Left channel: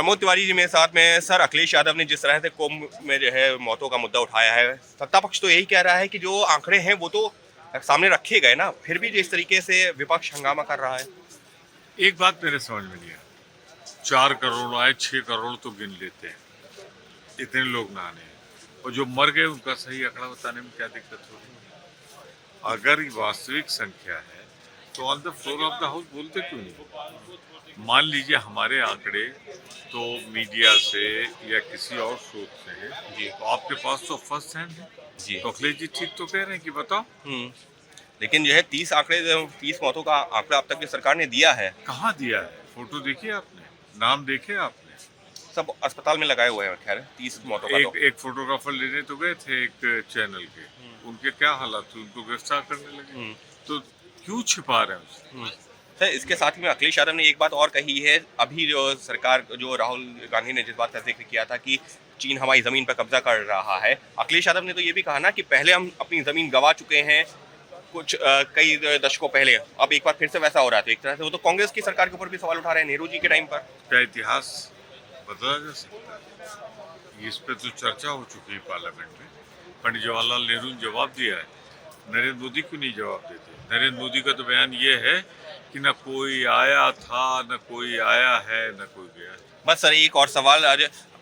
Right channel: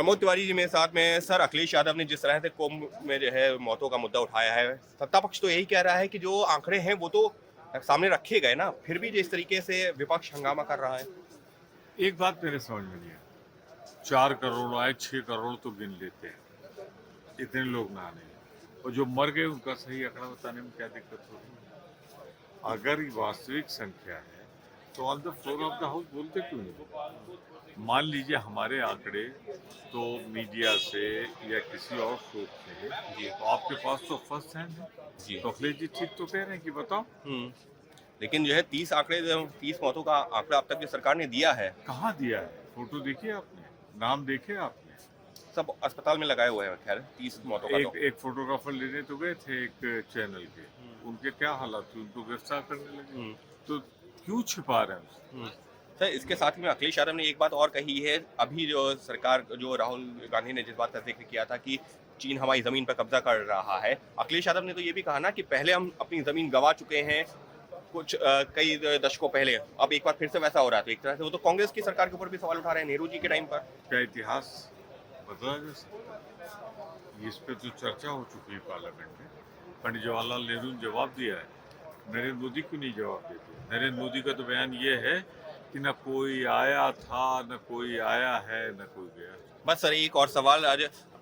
प्रमोद तिवारी जी मेरे साथ में। सर, अखिलेश यादव ने जिस तरह से कुंभ में जो है मौतों का मुद्दा उठाया है, सत्ता पक्ष तो यही कह रहा है कि जो आंकड़े हैं वो तो सामने रखे गए ना, फिर भी जिस तरीके से विपक्ष हंगामा कर रहा है। एक बात मेरे समझ में नहीं है, 4 करोड़ आए, 6 करोड़ तो गिन लेते हैं, इतने लोग ना आने, और जो मर गए उनका सही आंकड़ा बताने में क्या दिक्कत हो रही है? अगर वास्तविक संख्या है तो on the floor of the house बोलते क्यों नहीं? मान लीजिए हमारे आंकड़े तो मीडिया से या किसी और स्रोत से हैं जी, तो आपके पास तो फर्स्ट हैंड है जी, तो अखिलेश जी ठीक तो कह रहे हैं कि बताओ। लेकिन जो है 30 मौतों का आंकड़ा अब तक की सरकार ने दिया है। कहाँ दिया है? फोटो देखिए आपने, नाम देखे आपने? सब अस्पताल में लगाए हुए हैं। खैर 30 मौतों का एक फोटोग्राफर लेने तो गए थे एक चैनल के, उनके क्या हालात थे, उनको गिरफ्तार करने लगे, तो क्यों छिपा रहे हैं उससे? सर, इसके साथ ही में अखिलेश यादव ने एक बात और कही है। अभी जो सरकार, जो राहुल गांधी ने जिस बात का जिक्र किया था कि चीन हमारी जमीन पर कब्जा कर रहा है, अखिलेश यादव ने तो ये भी कहा ना कि पहले हम अपनी जमीन गंवा चुके हैं कुछ कई दशकों पहले, अब एक बार फिर से वैसा हो रहा है। तो एक तरह से वो तो कांग्रेस की सरकार के ऊपर भी सवाल उठा रहे हैं, नेहरू जी के टाइम पर। क्या इतिहास बदला जा सकता है? इस पे तो चर्चा हो चुकी है पार्लियामेंट में। पंडित जवाहरलाल नेहरू ने जवाब दिया है, नरेंद्र मोदी क्यों नहीं जवाब देते? नरेंद्र मोदी का तो बयान ये है कि न कोई आया था, न कोई आया है, न कोई गया। बस सर, एक और सवाल,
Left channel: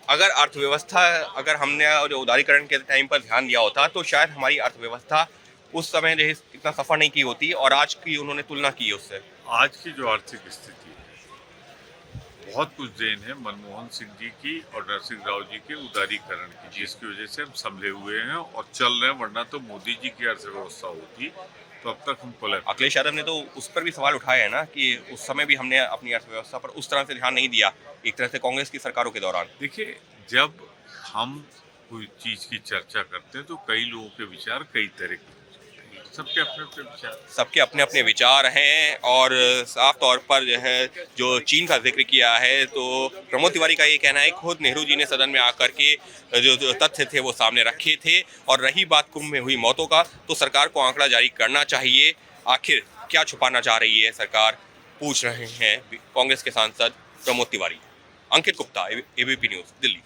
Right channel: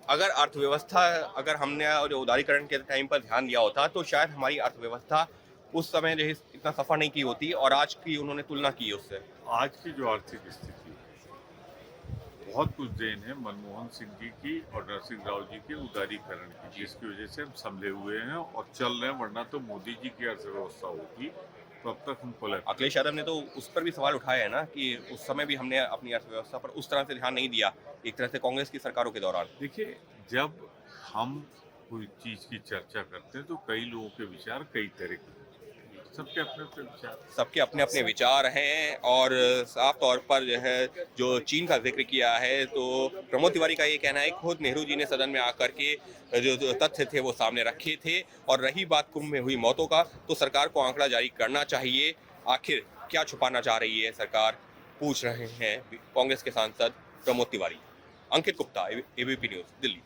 अगर अर्थव्यवस्था, अगर हमने जो उदारीकरण के टाइम पर ध्यान दिया होता तो शायद हमारी अर्थव्यवस्था उस समय जो है इतना सफर नहीं की होती, और आज की उन्होंने तुलना की उससे। आज की जो आर्थिक स्थिति है, बहुत कुछ देन है मनमोहन सिंह जी की और नरसिंह राव जी के उदारीकरण की, जिसकी वजह से हम संभले हुए हैं और चल रहे हैं, वरना तो मोदी जी की अर्थव्यवस्था होती तो अब तक हम कोलैप्स। अखिलेश यादव ने तो उस पर भी सवाल उठाया है ना कि उस समय भी हमने अपनी अर्थव्यवस्था पर उस तरह से ध्यान नहीं दिया, एक तरह से कांग्रेस की सरकारों के दौरान। देखिए, जब हम कोई चीज की चर्चा करते हैं तो कई लोगों के विचार कई तरह के, सबके अपने अपने विचार, सबके अपने अपने विचार हैं। और साफ तौर पर जो है जो चीन का जिक्र किया है, तो प्रमोद तिवारी का ये कहना है खुद नेहरू जी ने सदन में आकर के जो तथ्य थे वो सामने रखे थे। और रही बात कुंभ में हुई मौतों का, तो सरकार को आंकड़ा जारी करना चाहिए। आखिर क्या छुपाना चाह रही है सरकार, पूछ रहे हैं कांग्रेस के सांसद प्रमोद तिवारी। अंकित गुप्ता, एबीपी न्यूज़, दिल्ली।